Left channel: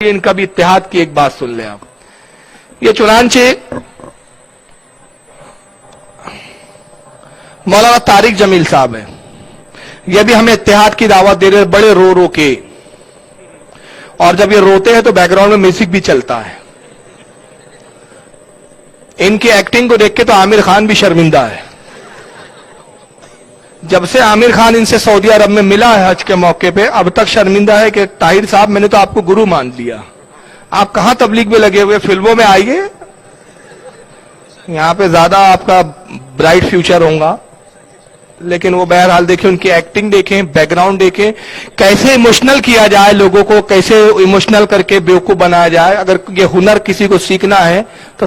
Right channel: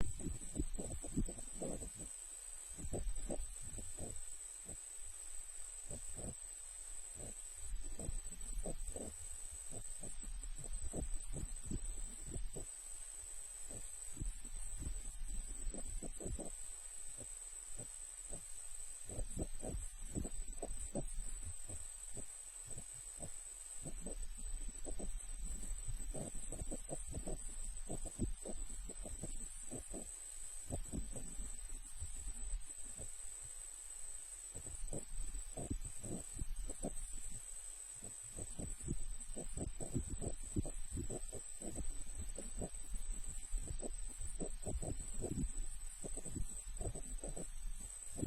इनका भी इत्तेहाद की एक बात सुन लें आप। ये चुनांचे मौलाना तारिक जमील साहब है, ये भी हमें इत्तेहाद की दावत दे रहे, बड़े रो रो के, और जब ये रोते हैं तो बैकग्राउंड में म्यूजिक भी चलता है। इनकी एक्टिंग को देख के तो आमिर खान भी शर्मिंदा है। जब से आमिर खान इनसे सऊदी अरब में मिला है हज के मौके पे, अब तक शर्मिंदा है कि ताहिर साहब मैंने तो आपको गुरु मान लिया, आप कहां तबलीग में लगे हुए, फिल्मों में आइए, यहां पे ज्यादा आपका ब्राइट फ्यूचर होगा। लेकिन वो बहरहाल देखें, उनकी एक्टिंग देखें, बैकग्राउंड देखें, कैसे इमोशनल किया जाए लोगों को, कैसे इमोशनल करके बेवकूफ बनाया जाए। अगर ये हुनर किसी को सीखना है तो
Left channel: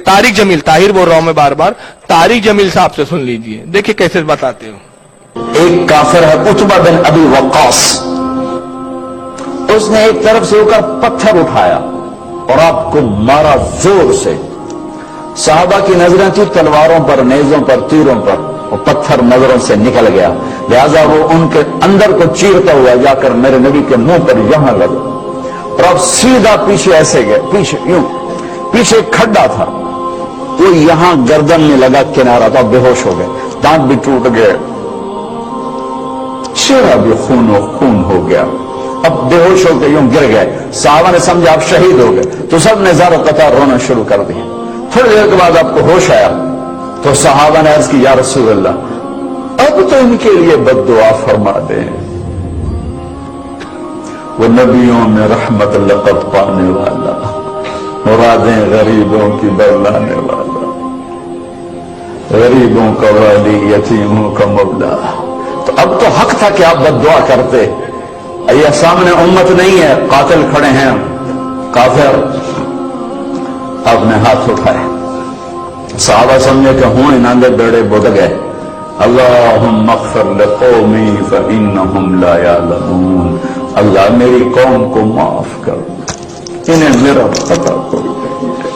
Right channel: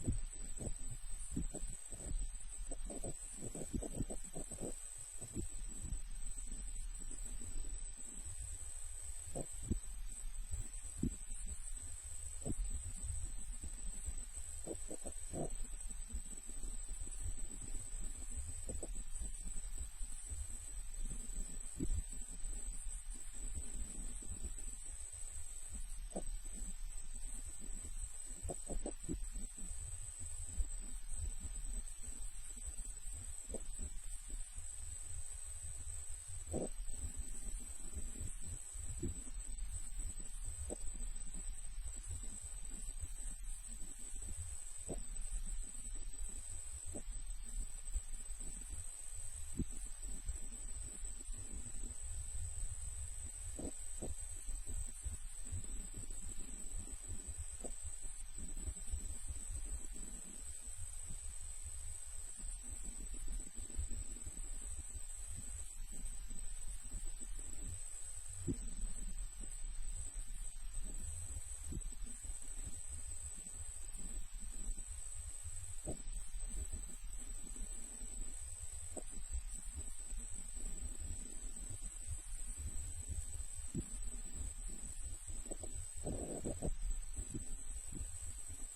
तारिक जमील, ताहिर बोल रहा हूं मैं बार बार, तारिक जमील साहब से सुन लीजिए, देखिए कैसे बताते हो। एक काफिर है उतबा बिन अबी वक्कास, उसने एक तरफ से होकर पत्थर उठाया और आपको मारा जोर से। साहबा की नजरें थी तलवारों पर, नेजों पर, तीरों पर, वो पत्थर नजरों से निकल गया, लिहाजा वो उनके अंदर को चीरता हुआ जाकर मेरे नबी के मुंह पर यहां लगा और अब सीधा पीछे ऐसे गए, पीछे यूं, पीछे खड्डा था, वो यहां गर्दन में लगा किनारा था, बेहोश हो गए, दांत भी टूट गए, चेहरा भी खून हो गया, अब बेहोश होकर यूं गिर गए। साहबा ने समझा आप शहीद हो गए, तो सब ने ज़ारो कतार रोना शुरू कर दिया। थोड़ी देर के बाद आपको होश आया तो सहाबा ने अर्ज की, या रसूल अल्लाह, अब तो इनके लिए बद्दुआ फरमा दें, वो नबियों में रहमत लक़त पाने वाला, मुरादें गरीबों की बरलाने वाला, गरीबों का वाली, यतीमों का मौला। तो अब तो हक था कि आप बद्दुआ करते। ये सामने उम्मत नहीं है, कातिल खड़े हैं, काफिर। आपने हाथ उठाए, साहबा समझे कि हूं इनांदे बेड़े बुड़ गए। अल्लाहुम्मा अग़फ़िर लिक़ौमी फ़इन्नहुम ला यअलमून, अल्लाह मेरी कौम को माफ कर, इन्हें मेरा पता कोई नहीं है।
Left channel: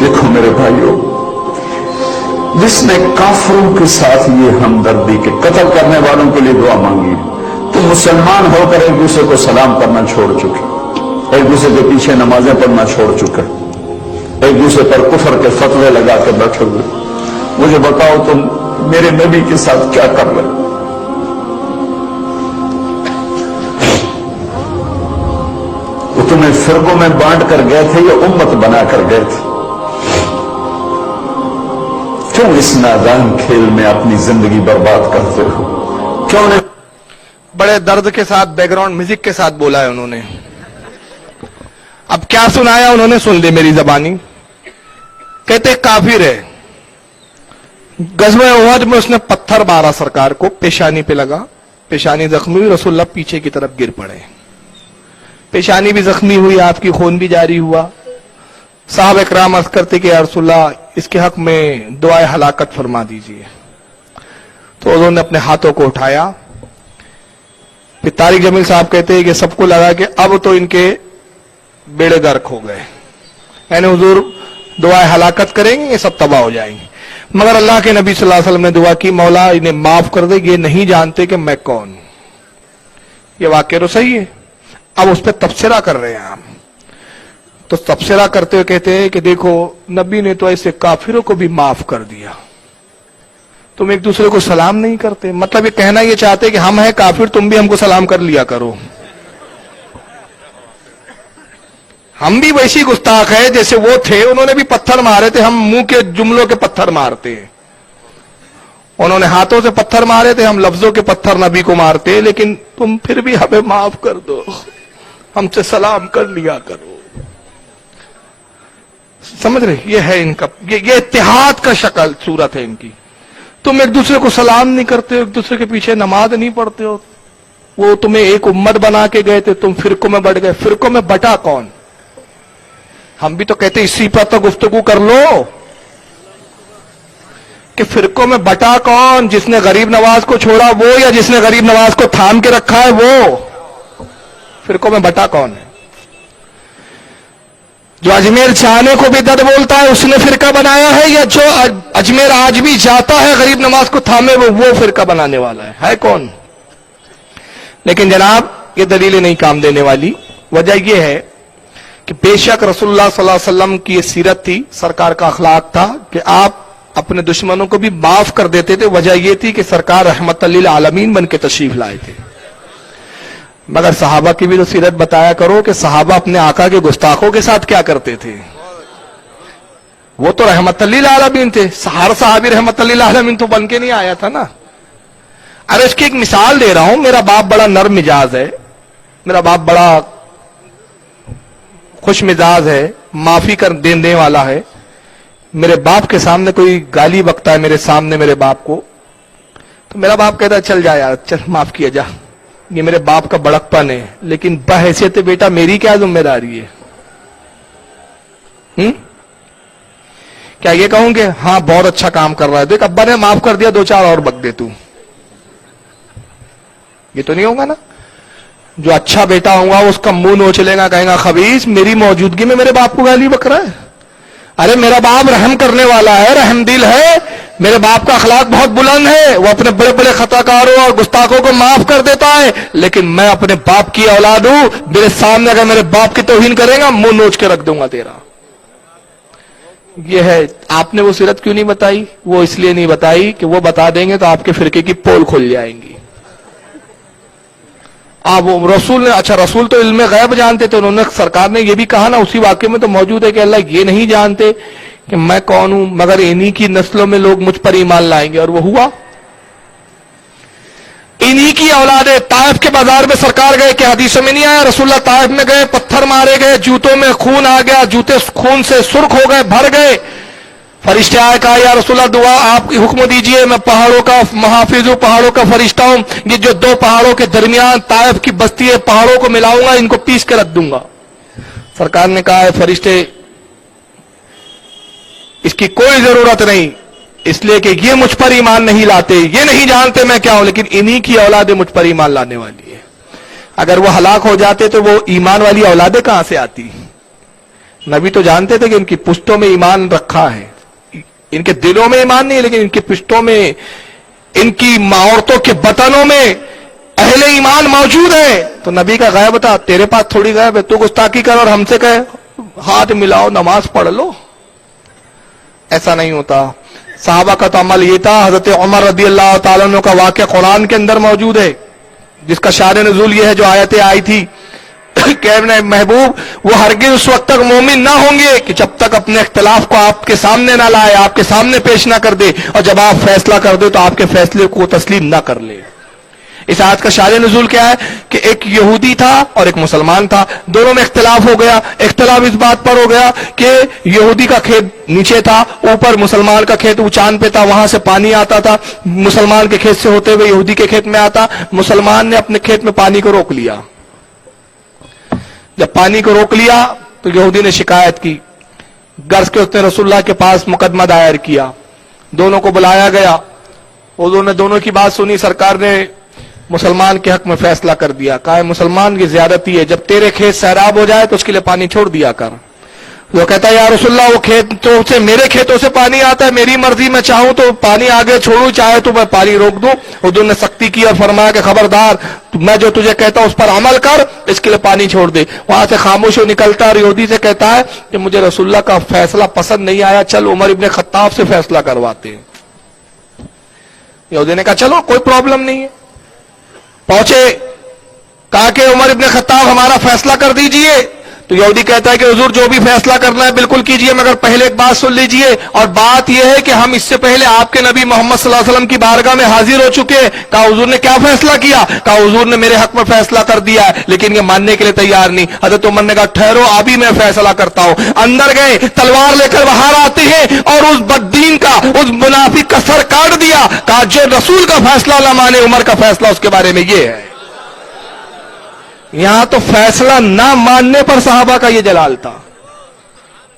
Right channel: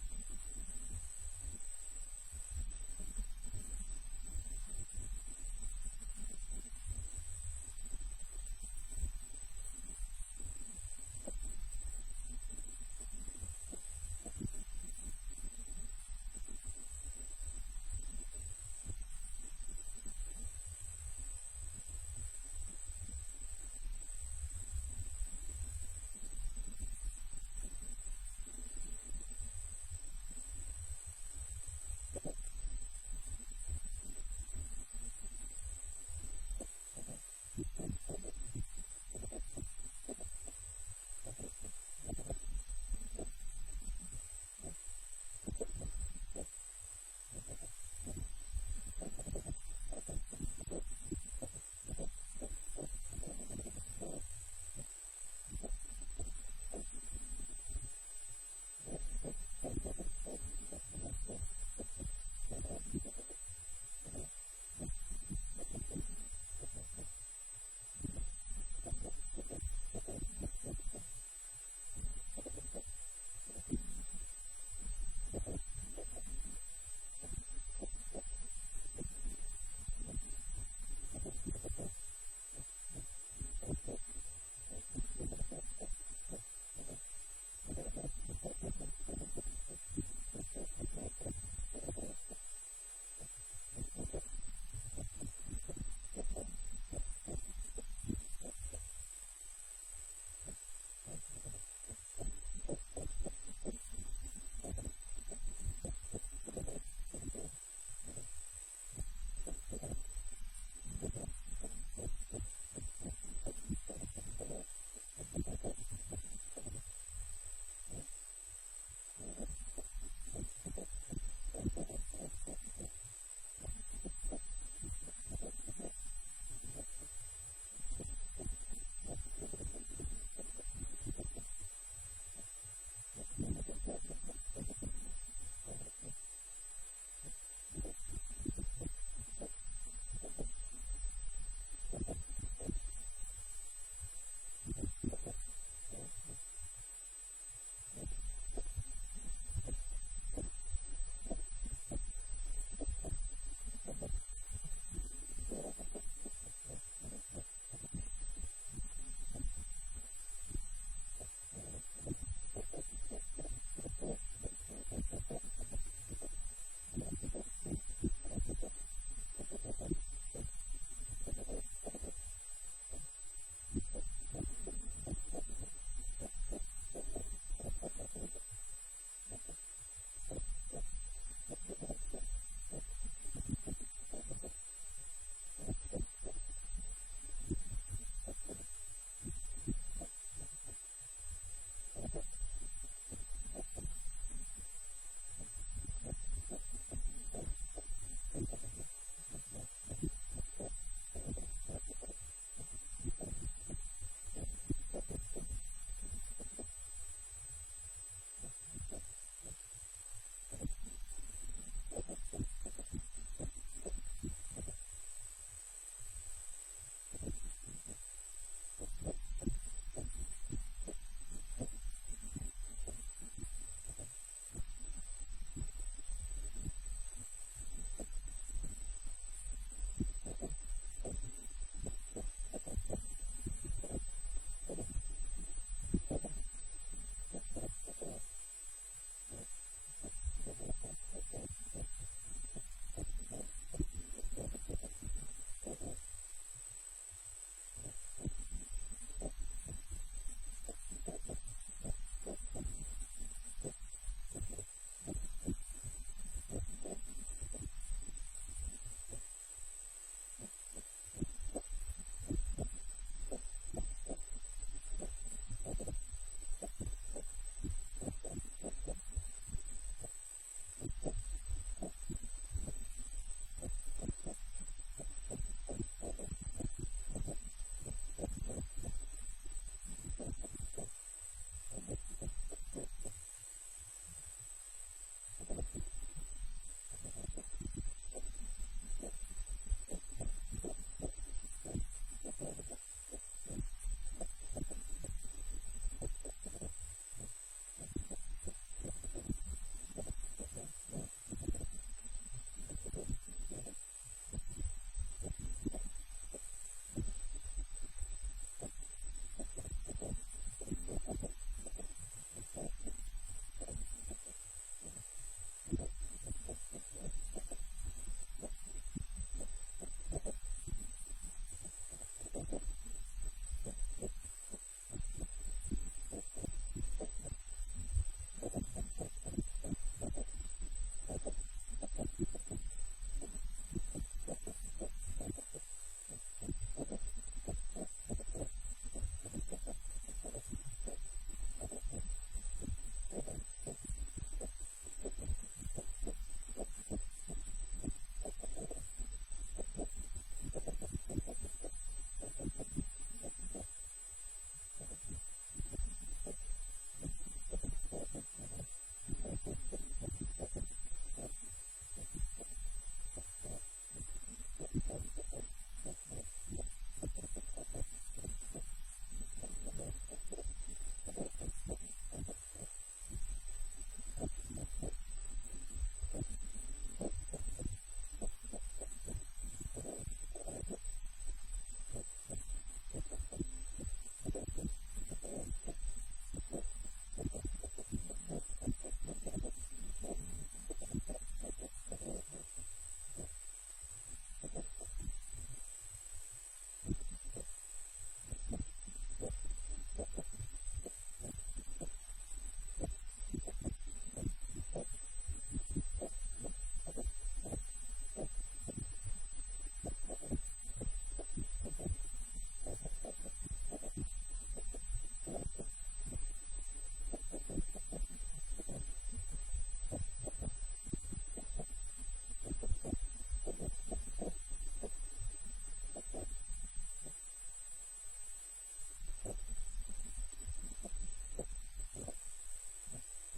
देखो मेरे भाइयों, जिसने काफिरों के साथ ये हमदर्दी के कत्ल करने वालों के लिए दुआ मांगी, तो मुसलमान होकर एक दूसरे को सलाम करना छोड़ चुके, एक दूसरे के पीछे नमाजें पढ़ना छोड़ चुके, एक दूसरे पर कुफर के फतवे लगा के बैठे हुए। मुझे बताओ तुम मेरे नबी के साथ क्या कर रहे? वो तुम्हें फिरकों में बांट कर गए थे या उम्मत बना कर गए थे? क्यों इस नादान खेल में अपनी जिंदगी बर्बाद करते हो? क्यों नहीं? बड़े दर्द के साथ बैकग्राउंड म्यूजिक के साथ बोला है उन्होंने। अब क्या सुनाया उन्होंने, सुन ली मेरी जबानी। कहते काफिर है, गज़वे उहद में उसने पत्थर मारा सरकार को, पेशानी पे लगा, पेशानी जख्मी हुई, रसूलुल्लाह पीछे की तरफ गिर पड़े, पेशानी भी जख्मी हुई, आपकी खून भी जारी हुआ। साहब इकराम अर्ज़ करते कि या रसूलुल्लाह इसके हक में दुआए हलाकत फरमा दीजिए। तो उन्होंने अपने हाथों को उठाया। फिर तारिक जमील साहब कहते हैं कि सबको लगा कि अब तो इनके बेड़े गर्क हो गए, यानी हुजूर दुआए हलाकत करेंगे, ये सब तबाह हो जाएंगे। मगर अल्लाह के नबी सल्लल्लाहु अलैहि वसल्लम ने दुआ की, मौला इन्हें माफ कर दे, ये नहीं जानते कि मैं कौन हूं। ये वाकया तो सही है। अब उस पर तबसरा कर रहे हैं हम, तो तबसरा करते हुए कहते हैं कि देखो नबी ने तो ऐसे काफिरों को भी माफ कर दिया, तुम एक दूसरे को सलाम नहीं करते। मतलब ये कहना ये चाहते कि हम हैं काफिर, तुम भी हमको सलाम कर लिया करो। हम भी वैसी गुस्ताख है जैसे वो थे, उन्होंने भी पत्थर मारे थे, हम मुंह के जुमलों के पत्थर मारते हैं। उन्होंने हाथों से पत्थर मारे थे, हम लफ्जों के पत्थर नबी को मारते, लेकिन तुम फिर भी हमें माफ कर दो, हमसे सलाम कर लिया करो। समझ रहे, ये है इनका, ये इत्तेहाद का शक्ल सूरत है इनकी। तुम एक दूसरे को सलाम नहीं करते हो, एक दूसरे के पीछे नमाज नहीं पढ़ते हो। वो तुम्हें एक उम्मत बना के गए थे, तुम फिरकों में बढ़ गए। फिरकों में बटा कौन? हम भी तो कहते इसी पर तो गुफ्तगू कर लो कि फिरकों में बटा कौन? जिसने गरीब नवाज को छोड़ा वो, या जिसने गरीब नवाज को थाम के रखा है वो? फिरकों में बटा कौन है? जो अजमेर जाने को भी दर्द बोलता है उसने फिरका बनाया है, या जो अजमेर आज भी जाता है गरीब नवाज को थामे वो फिरका बनाने वाला है कौन? लेकिन जनाब یہ دلیلیں نہیں کام دینے والی. وجہ یہ ہے کہ بے شک رسول اللہ صلی اللہ علیہ وسلم کی یہ سیرت تھی, سرکار کا اخلاق تھا کہ آپ اپنے دشمنوں کو بھی معاف کر دیتے تھے. وجہ یہ تھی کہ سرکار رحمت للعالمین بن کے تشریف لائے تھے. مگر صحابہ کی بھی تو سیرت بتایا کرو کہ صحابہ اپنے آقا کے گستاخوں کے ساتھ کیا کرتے تھے. وہ تو رحمت للعالمین تھے, ہر صحابی رحمت للعالمین تو بن کے نہیں آیا تھا نا. ارے اس کی ایک مثال دے رہا ہوں. میرا باپ بڑا نرم مزاج ہے, میرا باپ بڑا خوش مزاج ہے, معافی کر دینے والا ہے. میرے باپ کے سامنے کوئی گالی بکتا ہے میرے سامنے میرے باپ کو, تو میرا باپ کہتا ہے چل جا یار, چل معاف کیا جا. یہ میرے باپ کا بڑکپن ہے, لیکن بحیثیت بیٹا میری کیا ذمہ داری ہے؟ کیا یہ کہوں کہ ہاں بہت اچھا کام کر رہا ہے, دیکھ ابا نے معاف کر دیا, 2-4 اور بک دے تو. یہ تو نہیں ہوگا نا. جو اچھا بیٹا ہوگا اس کا منہ نوچ لے گا, کہے گا خبیث میری موجودگی میں میرے باپ کو گالی بک رہا ہے. ارے میرا باپ رحم کرنے والا ہے, رحم دل ہے, میرے باپ کا اخلاق بہت بلند ہے, وہ اپنے بڑے بڑے خطا کاروں اور گستاخوں کو معاف کر دیتا ہے. لیکن میں اپنے باپ کی اولاد ہوں, میرے سامنے اگر میرے باپ کی توہین کرے گا منہ نوچ کے رکھ دوں گا تیرا. یہ ہے. آپ نے وہ سیرت کیوں نہیں بتائی؟ وہ اس لیے نہیں بتائی کہ وہ بتا دیں گے تو آپ کے فرقے کی پول کھل جائیں گی. وہ رسول نے, اچھا رسول تو علم غیب جانتے تھے, انہوں نے, سرکار نے یہ بھی کہا نا اسی واقعے میں تو موجود ہے کہ اللہ یہ نہیں جانتے کہ میں کون ہوں, مگر انہی کی نسلوں میں لوگ مجھ پر ایمان لائیں گے. اور وہ ہوا. انہی کی اولادیں. طائف کے بازار میں سرکار گئے کہ حدیثوں میں نہیں آیا, رسول اللہ طائف میں گئے, پتھر مارے گئے, جوتوں میں خون آ گیا, جوتے خون سے سرخ ہو گئے, بھر گئے. فرشتے آئے, کہا یا رسول اللہ دعا آپ حکم دیجئے, میں پہاڑوں کا محافظ ہوں, پہاڑوں کا فرشتہ ہوں, یہ جو 2 پہاڑوں کے درمیان طائف کی بستی ہے پہاڑوں کو ملاؤں گا, ان کو پیس کے رکھ دوں گا. سرکار نے کہا ہے فرشتے اس کی کوئی ضرورت نہیں, اس لیے کہ یہ مجھ پر ایمان نہیں لاتے, یہ نہیں جانتے میں کیا ہوں, لیکن انہی کی اولادیں مجھ پر ایمان لانے والی ہے. اگر وہ ہلاک ہو جاتے تو وہ ایمان والی اولادیں کہاں سے آتی؟ نبی تو جانتے تھے کہ ان کی پشتوں میں ایمان رکھا ہے, ان کے دلوں میں ایمان نہیں, لیکن ان کی پشتوں میں, ان کی عورتوں کے بطنوں میں اہل ایمان موجود ہے. تو نبی کا غیب تھا, تیرے پاس تھوڑی غیب ہے. تو گستاخی کر اور ہم سے کہے ہاتھ ملاؤ نماز پڑھ لو, ایسا نہیں ہوتا. صحابہ کا تو عمل یہ تھا. حضرت عمر رضی اللہ تعالیٰ عنہ کا واقعہ قرآن کے اندر موجود ہے, جس کا شان نزول یہ ہے جو آیتیں آئی تھی کہ محبوب وہ ہرگز اس وقت تک مومن نہ ہوں گے کہ جب تک اپنے اختلاف کو آپ کے سامنے نہ لائے, آپ کے سامنے پیش نہ کر دے, اور جب آپ فیصلہ کر دے تو آپ کے فیصلے کو تسلیم نہ کر لے. اس آیت کا شان نزول کیا ہے کہ ایک یہودی تھا اور ایک مسلمان تھا, دونوں میں اختلاف ہو گیا. اختلاف اس بات پر ہو گیا کہ یہودی کا کھیت نیچے تھا, اوپر مسلمان کا کھیت اونچان پہ تھا, وہاں سے پانی آتا تھا, مسلمان کے کھیت سے ہوتے ہوئے یہودی کے کھیت میں آتا. مسلمان نے اپنے کھیت میں پانی کو روک لیا. جب پانی کو روک لیا تو یہودی نے شکایت کی, غرض کے اس نے رسول اللہ کے پاس مقدمہ دائر کیا. دونوں کو بلایا گیا, انہوں نے دونوں کی بات سنی. سرکار نے مسلمان کے حق میں فیصلہ کر دیا, کہا مسلمان کی زیادتی ہے, جب تیرے کھیت سیراب ہو جائے تو اس کے لیے پانی چھوڑ دیا کر. وہ کہتا ہے یا رسول اللہ وہ کھیتوں سے, میرے کھیتوں سے پانی آتا ہے, میری مرضی, میں چاہوں تو پانی آگے چھوڑوں, چاہے تو میں پانی روک دوں. حضور نے سختی کی اور فرمایا کہ خبردار, میں جو تجھے کہتا ہوں اس پر عمل کر, اس کے لیے پانی چھوڑ دے. وہاں سے خاموش ہو نکلتا اور یہودی سے کہتا ہے کہ مجھے رسول اللہ کا فیصلہ پسند نہیں آیا, چل عمر ابن خطاب سے فیصلہ کرواتے ہیں. یہودی نے کہا چلو کوئی پرابلم نہیں ہے. پہنچے, کہا کہ عمر ابن خطاب ہمارا فیصلہ کر دیجئے. تو یہودی کہتا ہے کہ حضور جو بھی فیصلہ کرنا ہے بالکل کیجئے, مگر پہلے ایک بات سن لیجئے, اور بات یہ ہے کہ ہم اس سے پہلے آپ کے نبی محمد صلی اللہ علیہ وسلم کی بارگاہ میں حاضر ہو چکے ہیں. کہا حضور نے کیا فیصلہ کیا؟ کہا حضور نے میرے حق میں فیصلہ کر دیا ہے, لیکن یہ ماننے کے لیے تیار نہیں. حضرت عمر نے کہا ٹھہرو, ابھی میں فیصلہ کرتا ہوں. اندر گئے, تلوار لے کر باہر آتے ہیں اور اس بددین کا, اس منافق کا سر کاٹ دیا. کہا جو رسول کا فیصلہ نہ مانے, عمر کا فیصلہ اس کے بارے میں یہ ہے. یہاں تو فیصلہ نہ ماننے پر صحابہ کا یہ جلال تھا.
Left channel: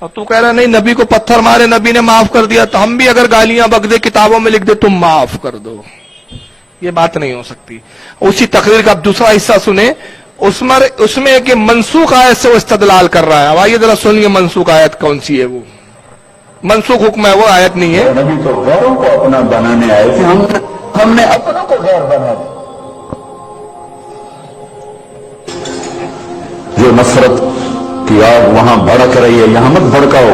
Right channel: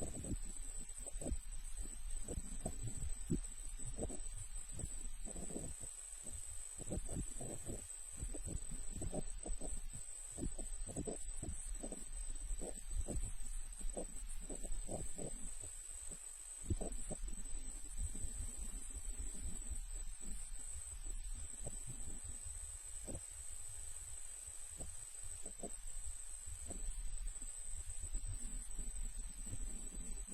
اور تو کہہ رہا نہیں نبی کو پتھر مارے, نبی نے معاف کر دیا, تو ہم بھی اگر گالیاں بک دے, کتابوں میں لکھ دے تم معاف کر دو, یہ بات نہیں ہو سکتی. اسی تقریر کا اب دوسرا حصہ سنیں, اس میں کہ منسوخ آیت سے وہ استدلال کر رہا ہے. اب آئیے ذرا سنیے منسوخ آیت کون سی ہے. وہ منسوخ حکم ہے, وہ آیت نہیں ہے. نبی تو غیروں کو اپنا بنانے آئے تھے, ہم نے اپنوں کو غیر بنا دیا. नफरत की आग वहां भड़क रही है, यहां मत भड़काओ।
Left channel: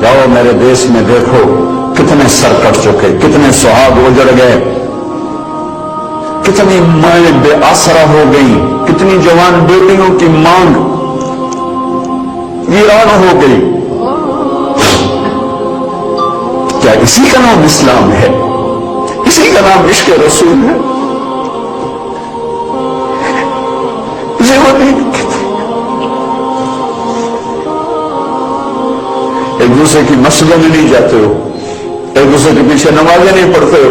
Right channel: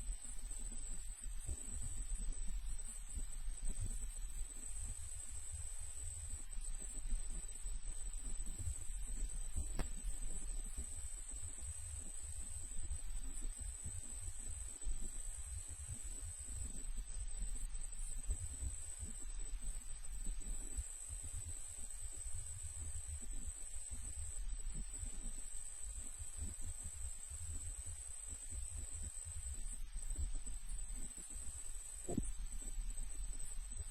जाओ मेरे देश में देखो कितने सर कट चुके, कितने सुहाग उजड़ गए, कितनी माएं बेआसरा हो गई, कितनी जवान बेटियों की मांग वीरान हो गई। क्या इसी का नाम इस्लाम है? इसी का नाम इश्क रसूल है? इसे वो नहीं कहते। एक दूसरे की मस्जिदों में नहीं जाते हो, एक दूसरे के पीछे नमाजें नहीं पढ़ते हो,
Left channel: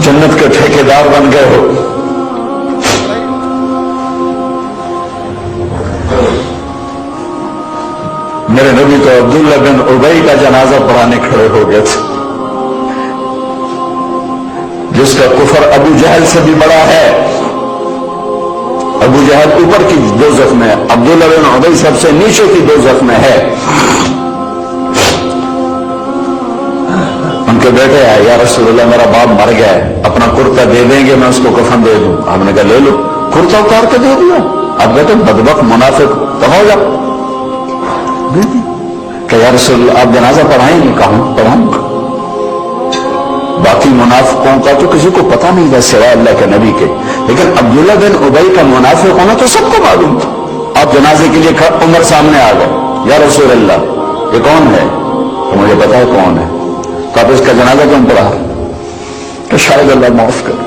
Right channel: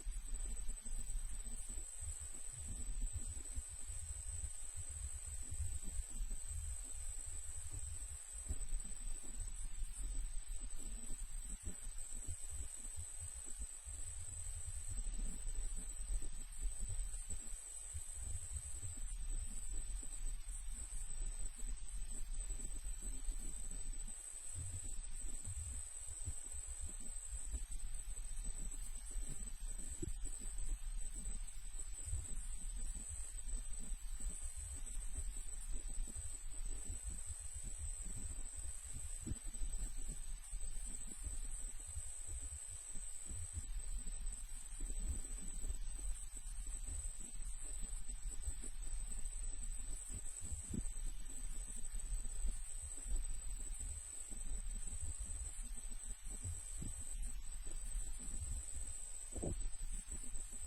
जन्नत के ठेकेदार बन गए हो। मेरे नबी तो अब्दुल्ला बिन उबई का जनाजा पढ़ाने खड़े हो गए थे, जिसका कुफर अबू जहल से भी बड़ा है। अबू जहल ऊपर की दोज़ख में, अब्दुल्ला बिन उबई सबसे नीचे की दोज़ख में है। उनके बेटे आए, या रसूलल्लाह मेरा बाप मर गया है, अपना कुर्ता दे देंगे, मैं उसको कफन दे दूं। आपने कहा ले लो। कुर्ता उतार के दे दिया। अब बेटे बदबख्त मुनाफिक तो हो जा। कि या रसूलल्लाह आप जनाजा पढ़ाएंगे? कहा पढ़ाऊंगा। बाकी मुनाफिकों का तो किसी को पता नहीं था सिवाय अल्लाह के नबी के, लेकिन अब्दुल्ला बिन उबई का मुनाफिक होना तो सबको मालूम था। आप जनाजे के लिए उमर सामने आ गए, या रसूलल्लाह ये कौन है? तो मुझे पता है कौन है। तो आप इसका जनाजा क्यों पढ़ा? तो शायद अल्लाह माफ कर दे।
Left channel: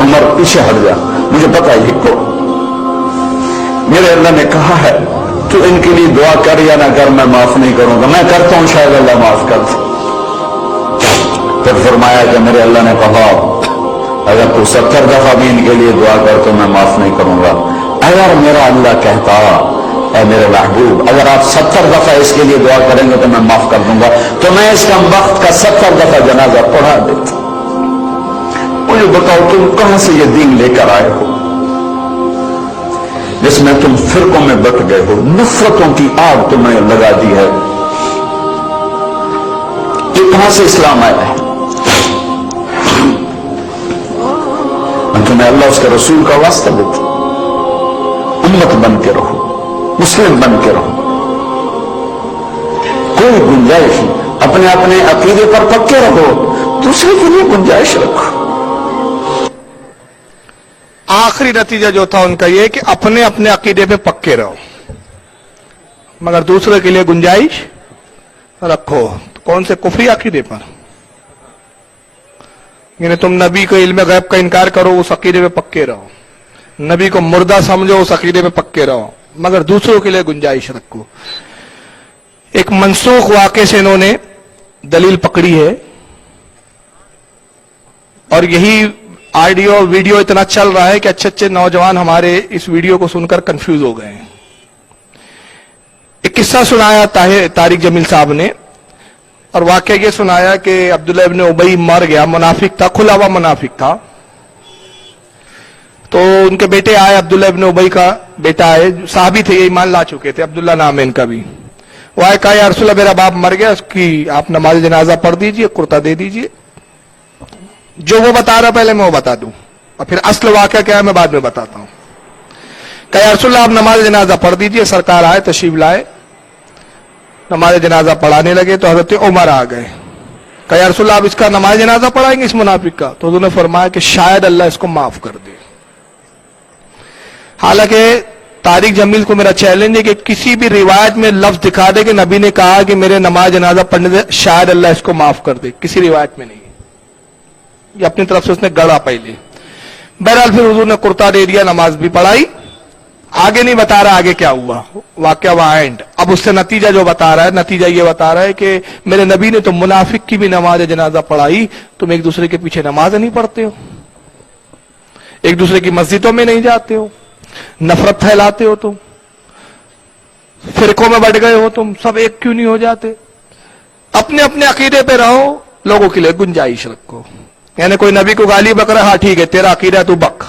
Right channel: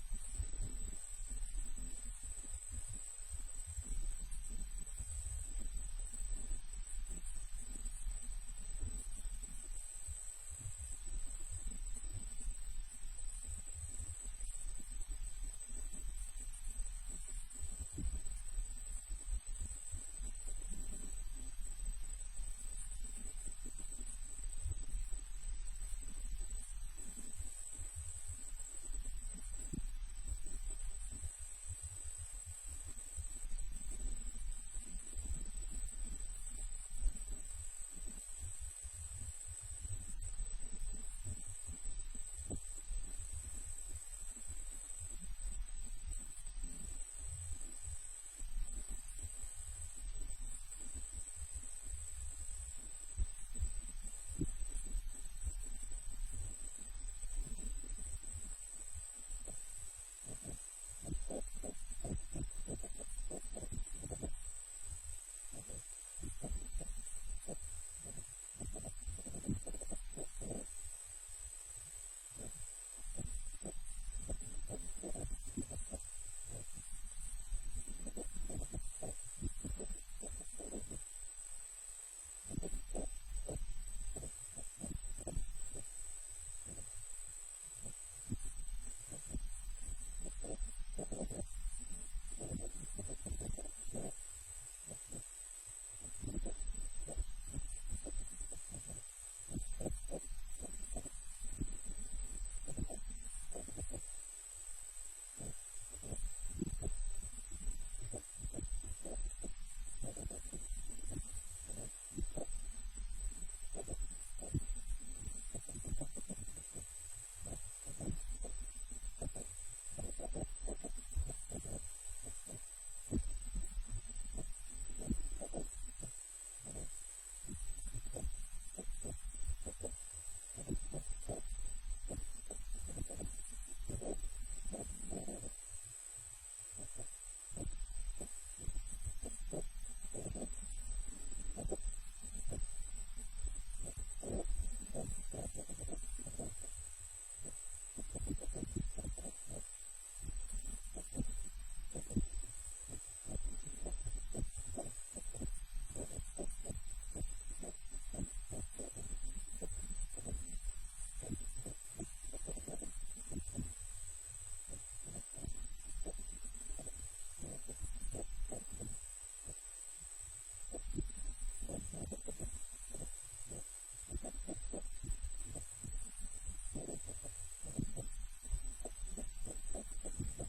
उमर पीछे हट जा, मुझे पता है को। मेरे अल्लाह ने कहा है तू इनके लिए दुआ कर या ना कर, मैं माफ नहीं करूंगा। मैं करता हूं, शायद अल्लाह माफ कर दे। फिर फरमाया कि मेरे अल्लाह ने कहा अगर तू 70 दफा भी इनके लिए दुआ कर तो मैं माफ नहीं करूंगा। अगर मेरा अल्लाह कहता ऐ मेरे महबूब अगर आप 70 दफा इसके लिए दुआ करेंगे तो मैं माफ कर दूंगा, तो मैं इसका वक्त का 70 दफा जनाजा पढ़ा देता। मुझे बताओ तुम कहां से ये दीन लेकर आए हो जिसमें तुम फिरकों में बट गए हो, नफरतों की आग तुम्हें लगा दी है। ये कहां से इस्लाम आया है? तुम्हें अल्लाह उसके रसूल का वास्ता देता। उम्मत बन के रहो, मुस्लिम बन के रहो, कोई गुंजाइश नहीं। अपने अपने अकीदे पर पक्के रहो, दूसरे के लिए गुंजाइश रखो। आखिरी नतीजा जो था उनका यह कि अपने अपने अकीदे पे पक्के रहो, मगर दूसरे के लिए गुंजाइश रखो। तो कौन से कुफरी अकीदे पर? यानी तुम नबी को इल्म गैब का इनकार करो, उस अकीदे पे पक्के रहो। नबी को मुर्दा समझो, उस अकीदे पे पक्के रहो, मगर दूसरों के लिए गुंजाइश रखो। एक मनसूख वाक़े से इन्होंने दलील पकड़ी है, और यही ऑडियो वीडियो इतना चल रहा है कि अच्छे अच्छे नौजवान हमारे इस वीडियो को सुनकर कंफ्यूज हो गए हैं। एक किस्सा सुनाया तारिक जमील साहब ने, और वाकया ये सुनाया कि अब्दुल्ला इब्न उबई मर गया, मुनाफिक था, खुला हुआ मुनाफिक था। तो उनके बेटे आए, अब्दुल्ला इब्न उबई का बेटा आए, साहबी थे, ये ईमान ला चुके थे, अब्दुल्ला नाम है इनका भी। वो आए, कहा या रसूलल्लाह मेरा बाप मर गया, उसकी आप नमाज जनाजा पढ़ दीजिए, कुर्ता दे दीजिए। जो वो बता रहा पहले मैं वो बता दूं, और फिर असल वाकया क्या है मैं बाद में बताता हूं। कहा या रसूलल्लाह आप नमाज जनाजा पढ़ दीजिए। सरकार आए, तशरीफ लाए, नमाज जनाजा पढ़ाने लगे तो हजरत उमर आ गए। कहा या रसूलल्लाह आप इसका नमाज जनाजा पढ़ाएंगे इस मुनाफिक का? तो उन्होंने फरमाया कि शायद अल्लाह इसको माफ कर दे। हालांकि तारिक जमील को मेरा चैलेंज है कि किसी भी रिवायत में लफ्ज दिखा दे कि नबी ने कहा कि मेरे नमाज जनाजा पढ़ने से शायद अल्लाह इसको माफ कर दे, किसी रिवायत में नहीं। ये अपनी तरफ से उसने गढ़ा पहले। बहरहाल फिर हुजूर ने कुर्ता दे दिया, नमाज भी पढ़ाई। आगे नहीं बता रहा आगे क्या हुआ, वाकया वहां एंड। अब उससे नतीजा जो बता रहा है, नतीजा ये बता रहा है कि मेरे नबी ने तो मुनाफिक की भी नमाज जनाजा पढ़ाई, तुम एक दूसरे के पीछे नमाज नहीं पढ़ते हो, एक दूसरे की मस्जिदों में नहीं जाते हो, नफरत फैलाते हो, तुम फिरकों में बढ़ गए हो, तुम सब एक क्यों नहीं हो जाते? अपने अपने अकीदे पे रहो, लोगों के लिए गुंजाइश रखो। यानी कोई नबी को गाली बक रहा, हाँ ठीक है तेरा अकीदा तू बक,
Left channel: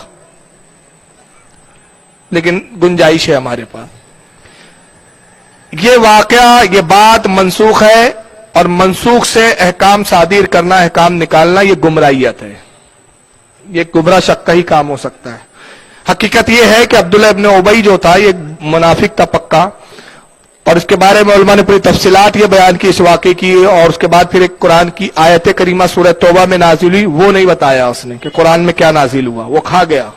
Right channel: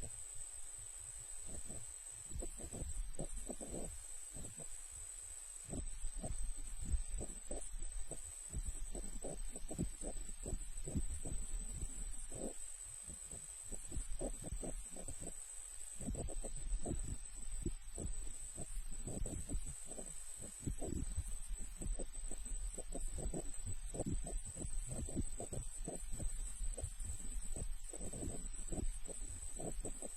लेकिन गुंजाइश है हमारे पास। ये वाकया, ये बात मनसूख है, और मनसूख से अहकाम सादिर करना, अहकाम निकालना, ये गुमराहियत है। یہ गुमराह शक का ही काम हो सकता है। हकीकत ये है कि अब्दुल्ला इब्न उबई जो था ये मुनाफिक था पक्का, और इसके बारे में उलमा ने पूरी तफसीलात ये बयान की इस वाक़े की, और उसके बाद फिर एक कुरान की आयत करीमा सूरह तौबा में नाजिल हुई, वो नहीं बताया उसने कि कुरान में क्या नाजिल हुआ, वो खा गया।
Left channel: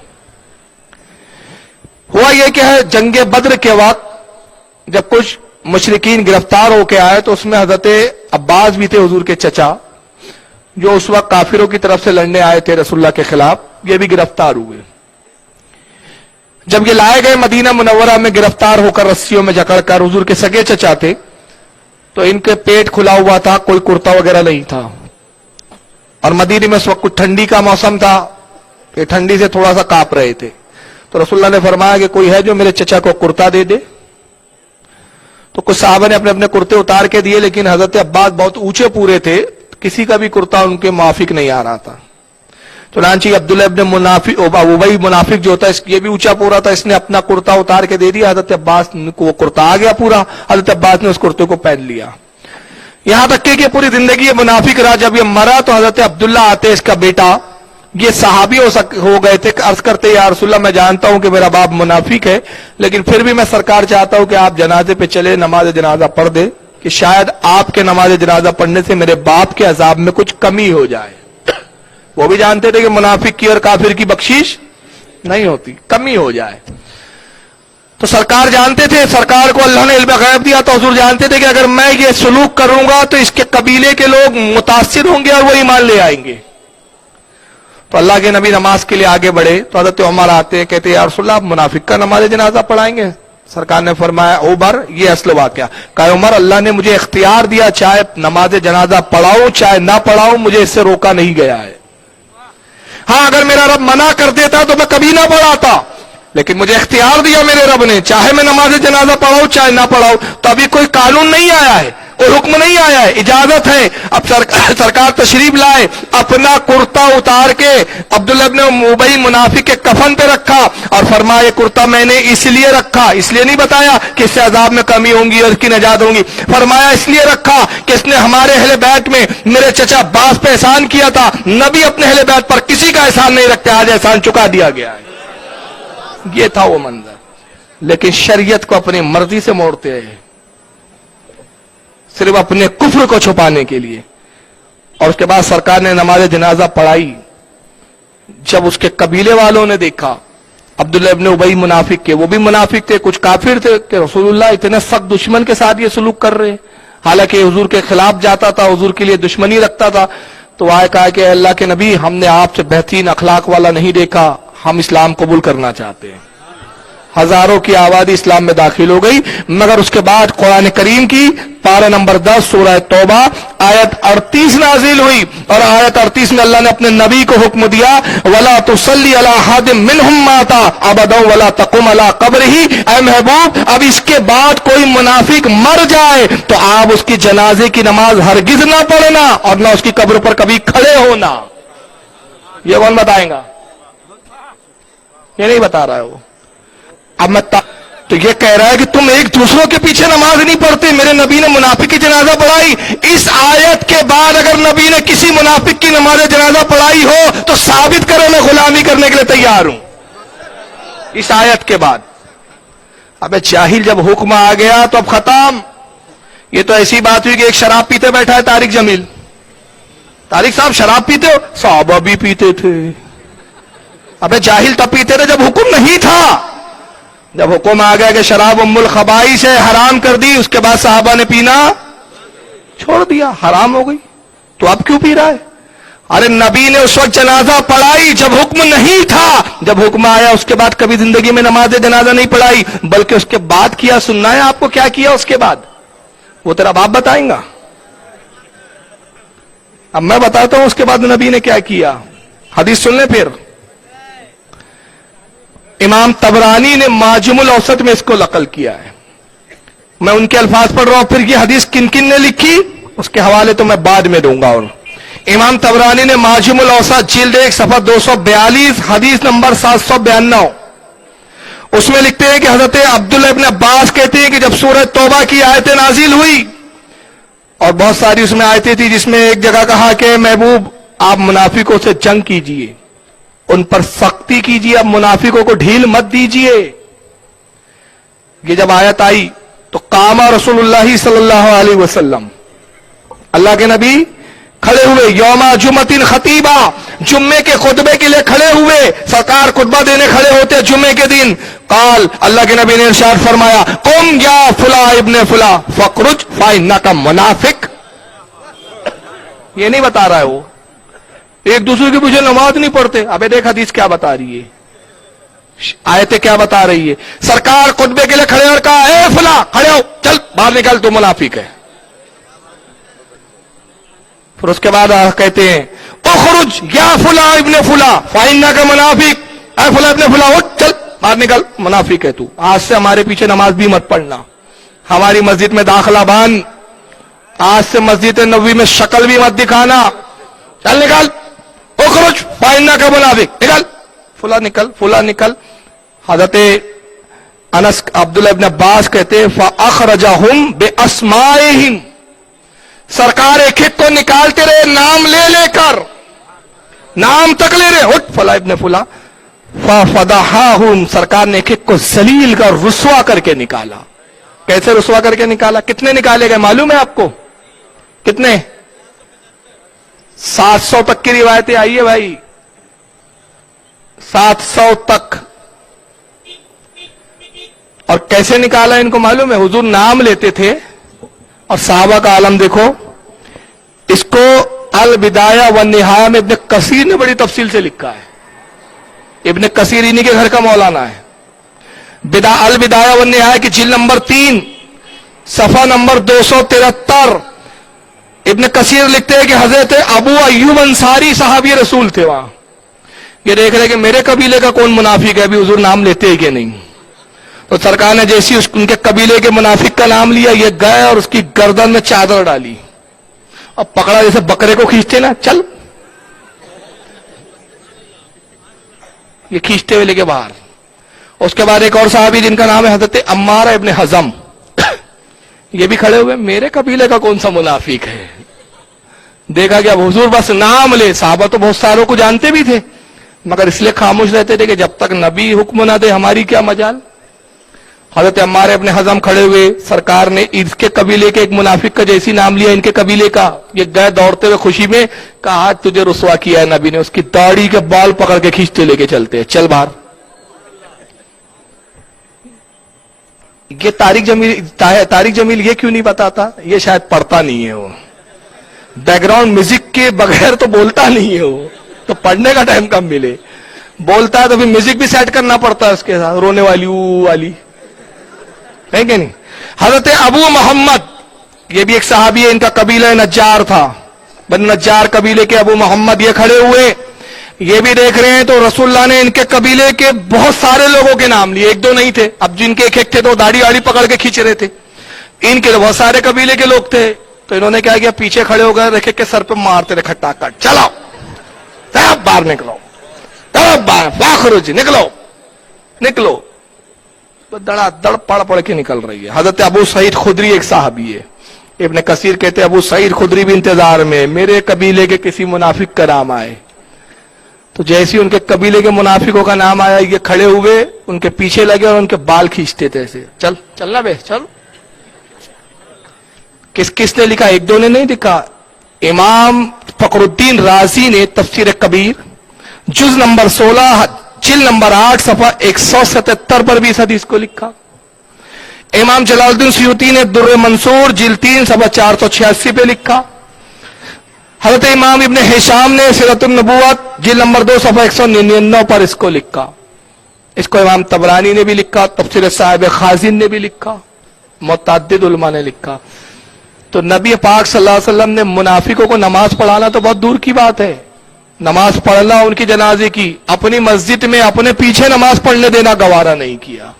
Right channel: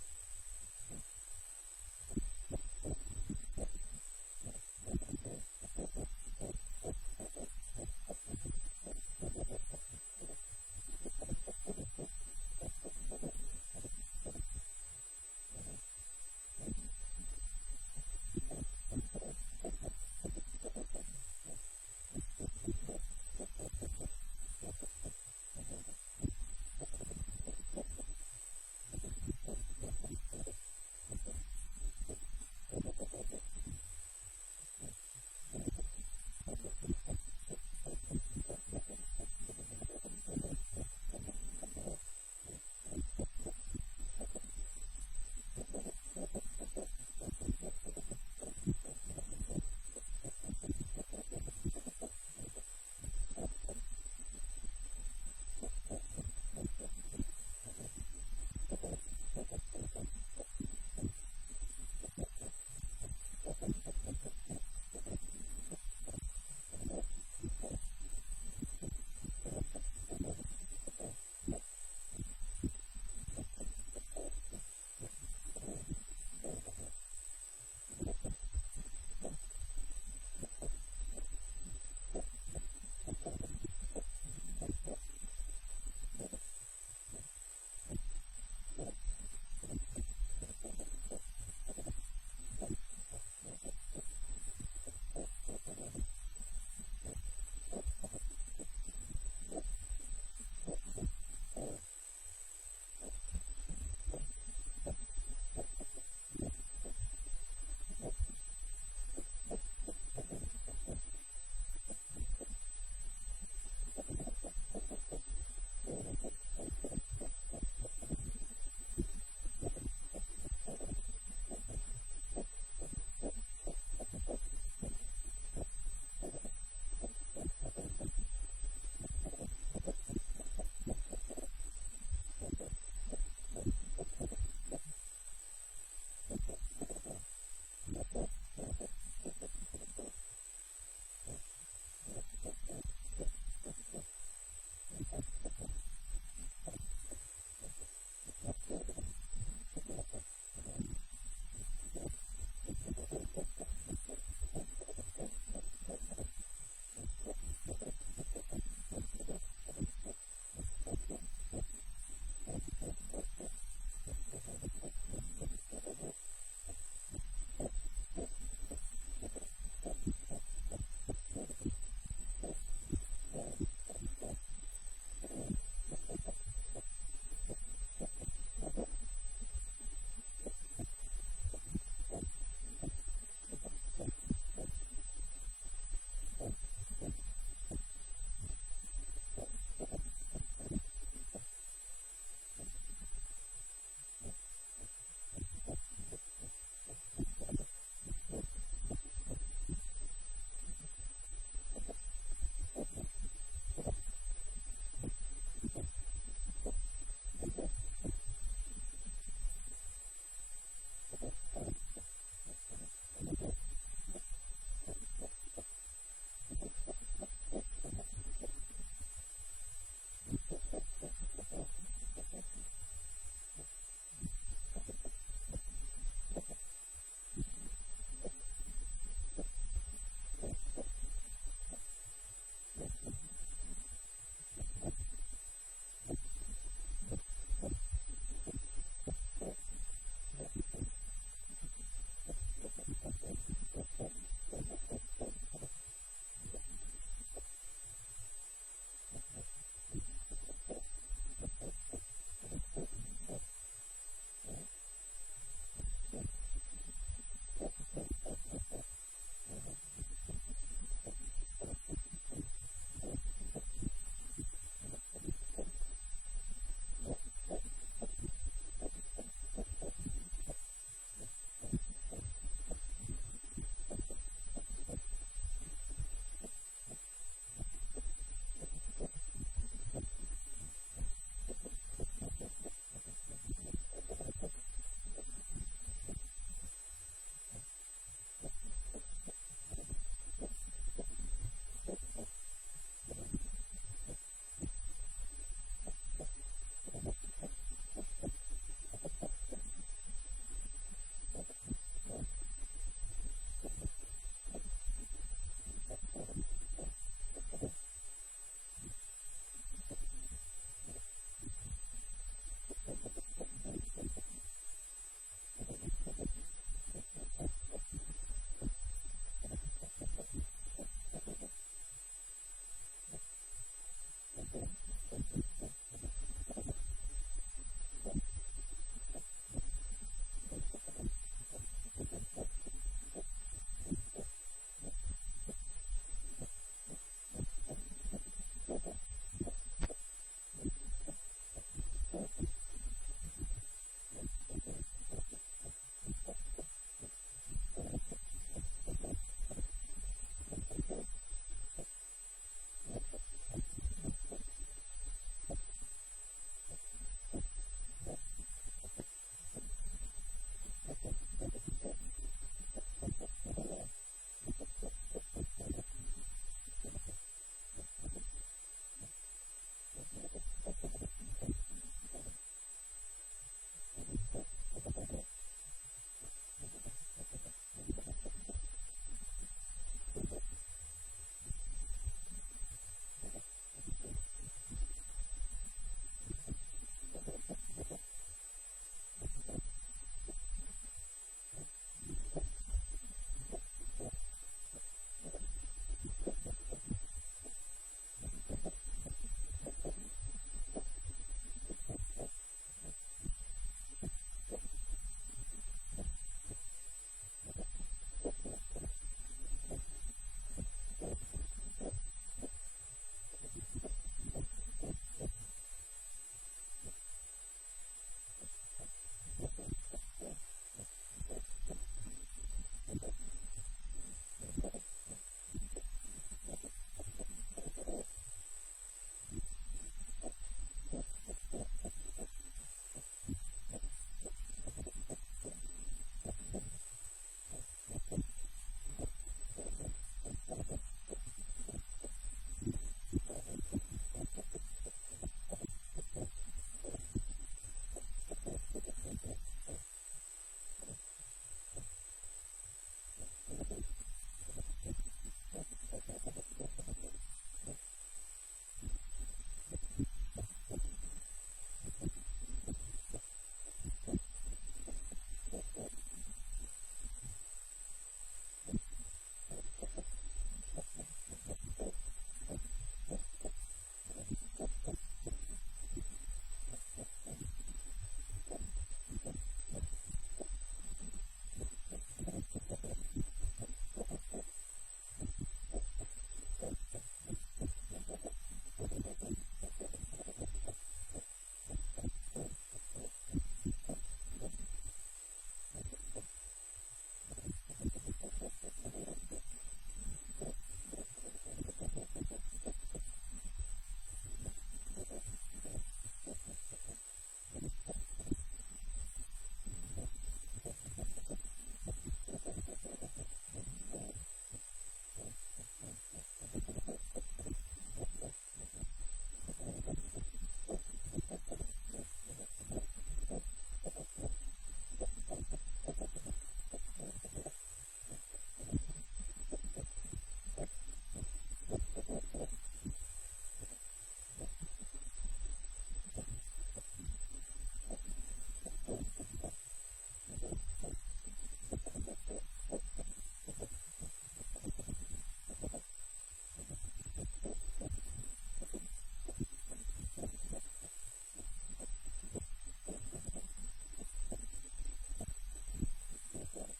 हुआ ये कि है जंग बद्र के वक्त जब कुछ मुशरिकीन गिरफ्तार होके आए तो उसमें हजरत अब्बास भी थे हुजूर के चचा, जो उस वक्त काफिरों की तरफ से लड़ने आए थे रसूलुल्लाह के खिलाफ, ये भी गिरफ्तार हुए। जब ये लाए गए मदीना मुनव्वरा में गिरफ्तार होकर रस्सियों में जकड़कर, हुजूर के सगे चचा थे, तो इनके पेट खुला हुआ था, कोई कुर्ता वगैरह नहीं था, और मदीने में उस वक्त कुछ ठंडी का मौसम था, ये ठंडी से थोड़ा सा कांप रहे थे। तो रसूलुल्लाह ने फरमाया कि कोई है जो मेरे चचा को कुर्ता दे दे। तो कुछ साहबा ने अपने अपने कुर्ते उतार के दिए, लेकिन हजरत अब्बास बहुत ऊंचे पूरे थे, किसी का भी कुर्ता उनके मुआफिक नहीं आ रहा था। तो लांची अब्दुल्ला इब्न मुनाफिक उबई मुनाफिक जो था, ये भी ऊंचा पूरा था, इसने अपना कुर्ता उतार के दे दिया, हजरत अब्बास को वो कुर्ता आ गया पूरा, हजरत अब्बास ने उस कुर्ते को पहन लिया। यहां तक कि पूरी जिंदगी ये मुनाफिक रहा। जब ये मरा तो हजरत अब्दुल्ला आते, इसका बेटा, ये सहाबी हो गए थे, अर्ज करते या रसूलल्लाह मैं जानता हूं कि मेरा बाप मुनाफिक है, लेकिन फिर भी मैं सरकार चाहता हूं कि आप जनाजे पे चले, नमाज जनाजा पढ़ दे, कि शायद आपके नमाज जनाजा पढ़ने से मेरे बाप के अजाब में कुछ कमी हो जाए। वो भी जानते थे कि मुनाफिक की और काफिर की बख्शीश नहीं होती, कमी हो जाए। तो सरकार जानते थे, सरकार को अल्लाह ने इल्म गैब दिया, तो हुजूर जानते थे कि अगर मैं ये सलूक करूंगा तो इसके कबीले के लोग मुतासिर होंगे और वो ईमान ले आएंगे। तो अल्लाह के नबी नमाज के लिए आगे बढ़े, तो हज़रत उमर आते हैं, कहते हैं या रसूलल्लाह, आप मुनाफिक का नमाज जनाजा पढ़ाएंगे? सरकार ने फरमाया उमर, ये असल वाकया, कहा उमर अल्लाह ने मुझे इख्तियार दिया, चाहे नमाज जनाजा पढ़ाऊं चाहे ना पढ़ाऊं, मुझे इससे रोका नहीं गया है। हाँ, अगर मेरा रब मना कर देता तो मैं कभी ना पढ़ाता, लेकिन मुझे इख्तियार दिया मेरे रब ने, चाहे मैं नमाज जनाजा पढ़ाऊं चाहे ना पढ़ाऊं। तो अभी कोई कानून नहीं आया है, कोई हुक्म नहीं आया है, इजाजत है। अब सरकार तशरीफ लाए, अपना कुर्ता उतार के अब्दुल्ला इब्न उबई मुनाफिक के कफन पे रखा और फरमाया ये कुर्ता मैंने इसलिए रखा, इसलिए नहीं बताया कि इससे अजाब में कमी होंगी और इसकी नजात होंगी, फरमाया इसलिए रखा कि इसने हमारे अहले बैत में मेरे चचा अब्बास पे एहसान किया था। नबी अपने अहले बैत पर किसी का एहसान नहीं रखते, आज एहसान चुका दिया गया है। ये था वो मंजर, लेकिन शरीयत को अपनी मर्जी से मोड़ते हैं, सिर्फ अपने कुफ्र को छुपाने के लिए। और उसके बाद सरकार ने नमाज जनाजा पढ़ाई। जब उसके कबीले वालों ने देखा अब्दुल्ला इब्न उबई मुनाफिक के, वो भी मुनाफिक थे, कुछ काफिर थे, कि रसूलुल्लाह इतने सख्त दुश्मन के साथ ये सलूक कर रहे हैं, हालांकि हुजूर के खिलाफ जाता था, हुजूर के लिए दुश्मनी रखता था। तो आए कहा कि अल्लाह के नबी, हमने आपसे बेहतरीन अखलाक वाला नहीं देखा, हम इस्लाम कबूल करना चाहते हैं। हजारों की आबादी इस्लाम में दाखिल हो गई। मगर उसके बाद कुरान करीम की पारा नंबर 10 सूरह तौबा आयत 38 नाजिल हुई, और आयत 38 में अल्लाह ने अपने नबी को हुक्म दिया, वला तुसल्ली अला हादिम मिनहुम माता अबदा वला तकुम अला कब्रिही। ऐ महबूब, अब इसके बाद कोई मुनाफिक मर जाए तो आप उसकी जनाजे की नमाज हरगिज ना पढ़ना और ना उसकी कब्र पर कभी खड़े होना। ये कौन बताएगा? ये नहीं बता रहा है वो। अब मैं तो ये कह रहा है कि तुम एक दूसरों के पीछे नमाज नहीं पढ़ते, मेरे नबी ने मुनाफिक की जनाजा पढ़ाई। इस आयत के बाद अगर नबी ने किसी मुनाफिक की नमाज जनाजा पढ़ाई हो तो साबित करो, मैं गुलामी करने के लिए तैयार हूं। इस आयत के बाद अबे जाहिल, जब हुक्म आ गया तो अब खत्म। ये तो ऐसी बात हुई कि एक शराब पीते बैठा है तारिक जमील। तारिक साहब शराब पीते हो? साहबा भी पीते थे। अबे जाहिल तब पीते थे जब हुक्म नहीं था। जब हुक्म आ गया कि शराब उम्मुल खबाइस है, हराम कर दी, उसके बाद साहबा ने पीना छोड़ दिया, हराम हो गई। तो अब क्यों पी रहा है? अरे नबी ने उस वक्त जनाजा पढ़ाई जब हुक्म नहीं था, जब हुक्म आया उसके बाद कभी जिंदगी में नमाज जनाजा नहीं पढ़ाई, बल्कि उसके बाद किया। सुनना है आपको क्या किया उसके बाद? वो तेरा बाप बताएगा। अब मैं बताता हूं उसके बाद नबी ने क्या किया। हदीस सुन ले फिर। इमाम तबरानी ने माजिमुल औसत में इसको नकल किया है। मैं उनके अल्फाज पढ़ रहा हूं, फिर ये हदीस किन किन ने लिखी उसके हवाले तो मैं बाद में दूंगा। और इमाम तबरानी ने माजिमुल औसत जिल्द 1 सफा 242 हदीस नंबर 792, उसमें लिखते हैं कि हजरत अब्दुल्ला इब्न अब्बास कहते हैं कि जब सूरह तौबा की आयतें नाजिल हुई, और बहुत सारी उसमें आयतें थी जिसमें एक जगह कहा कि महबूब आप मुनाफिकों से जंग कीजिए, उन पर सख्ती कीजिए, अब मुनाफिकों को ढील मत दीजिए। ये जब आयत आई तो कामा रसूलुल्लाह सल्लल्लाहु अलैहि वसल्लम, अल्लाह के नबी खड़े हुए, यौमा जुमतिन खतीबा, जुम्मे के खुतबे के लिए खड़े हुए। सरकार खुतबा देने खड़े होते जुम्मे के दिन। काल, अल्लाह के नबी ने इरशाद फरमाया, कुम या फुला इब्ने फुला फखरुज फाइन्नका मुनाफिक। ये नहीं बता रहा है वो, एक दूसरे के पीछे नमाज नहीं पढ़ते। अबे देख हदीस क्या बता रही है, आयतें क्या बता रही है। सरकार खुतबे के लिए खड़े और कहा, ए फुला खड़े हो, चल बाहर निकल, तू मुनाफिक है। फिर उसके बाद कहते हैं, उखरुज या फुला इब्ने फुला फाइन्नका मुनाफिक, ए फुला इब्ने फुला उठ, चल बाहर निकल, मुनाफिक है तू। आज से हमारे पीछे नमाज भी मत पढ़ना, हमारी मस्जिद में दाखिला बांध, आज से मस्जिद नबवी में शक्ल भी मत दिखाना, चल निकल, उखरुज फाइन्नका मुनाफिक, निकल, फुला निकल, फुला निकल। हजरत अनस अब्दुल्लाह इब्न अब्बास कहते, फअखरजहुम बिअस्माइहिम, सरकार एक एक को निकालते रहे नाम ले लेकर, नाम तक ले रहे, उठ फला इब्ने फुला। फफदहाहुम, सरकार ने एक एक को जलील कर रुस्वा करके निकाला। कैसे रुस्वा करके निकाला? कितने निकाले गए मालूम है आपको? कितने? 700 तक की रिवायतें आई है भाई, 700 तक। और कैसे निकाला इनको मालूम है? हुजूर नाम लेते थे और साहबा का आलम देखो। इसको अल बिदाया व निहाया में इब्न कसीर ने बड़ी तफसील से लिखा है। इब्न कसीर इन्हीं के घर का मौलाना है। अल बिदाया व निहाया की जिल्द नंबर 3 सफा नंबर 273 इब्न कसीर लिखते हैं कि हजरत अबू अय्यूब अंसारी साहब ये रसूल थे वहां। ये देख रहे कि मेरे कबीले का कौन मुनाफिक है, अभी हुजूर नाम लेते हैं कि नहीं। तो सरकार ने जैसी उनके कबीले के मुनाफिक का नाम लिया, ये गए और उसकी गर्दन में चादर डाली और पकड़ा, जैसे बकरे को खींचते ना, चल, ये खींचते हुए लेके बाहर। उसके बाद एक और साहबी जिनका नाम है हजरत अम्मार इब्न हजम, ये भी खड़े हुए, मेरे कबीले का कौन सा मुनाफिक है। देखा गया हुजूर बस नाम ले, साहबा तो बहुत सारों को जानते भी थे मगर इसलिए खामोश रहते थे कि जब तक नबी हुक्म ना दे हमारी क्या मजाल। हजरत अम्मार इब्न हजम खड़े हुए, सरकार ने इसके कबीले के एक मुनाफिक का जैसी नाम लिया इनके कबीले का, ये गए दौड़ते हुए खुशी में, कहा आज तुझे रुस्वा किया है नबी ने। उसकी दाढ़ी के बाल पकड़ के खींचते लेके चलते हैं, चल बाहर। ये तारिक जमील ये क्यों नहीं बताता? ये शायद पढ़ता नहीं है, वो बैकग्राउंड म्यूजिक के बगैर तो बोलता नहीं है, वो तो पढ़ने का टाइम कम मिले, बोलता है तो फिर म्यूजिक भी सेट करना पड़ता है उसके साथ, रोने वाली ऊ वाली है कि नहीं। हजरत अबू मोहम्मद, ये भी एक सहाबी है, इनका कबीला नज्जार था, बन नज्जार कबीले के अबू मोहम्मद ये खड़े हुए, ये भी देख रहे हैं। तो रसूलुल्लाह ने इनके कबीले के बहुत सारे लोगों के नाम लिए, एक दो नहीं थे। अब जिनके एक एक थे तो दाढ़ी आड़ी पकड़ के खींच रहे थे, इनके तो बहुत सारे कबीले के लोग थे। तो इन्होंने क्या किया, पीछे खड़े हो गए, रखे के सर पे मारते रहे खट्टाखट, चलाओ तब बाहर निकलो, तब बाहर बाखरुज निकलो निकलो। दड़ पड़ के निकल रही है। हजरत अबू सईद खुदरी एक साहबी है, इब्न कसीर कहते हैं अबू सईद खुदरी भी इंतजार में, मेरे कबीले के किसी मुनाफिक का नाम आए। तो जैसे उनके कबीले के मुनाफिकों का नाम आया, ये खड़े हुए उनके पीछे लगे और उनके बाल खींचते थे ऐसे, चल चलना बे चल। किसने लिखा? एक दो ने नहीं लिखा। इमाम फखरुद्दीन राजी ने तफसीर कबीर जुज नंबर 16 जिल्द नंबर 8 सफा 177 पर भी इस हदीस को लिखा। इमाम जलालुद्दीन सुयूती ने दुर्र मंसूर जिल्द 3 सफा 486 पे लिखा। हजरत इमाम इब्न हिशाम ने सीरतुन नबुव्वत जिल्द नंबर 2 सफा 199 पर इसको लिखा। इसको इमाम तबरानी ने भी लिखा, तफसीर साहिब खाजिन ने भी लिखा, मुतअद्दिद उलमा ने लिखा। तो नबी पाक सल्लल्लाहु अलैहि वसल्लम ने मुनाफिकों को नमाज पढ़ाना तो बहुत दूर की बात है, नमाज पढ़ना उनकी जनाजे की, अपनी मस्जिद में अपने पीछे नमाज पढ़ने देना गवारा नहीं किया।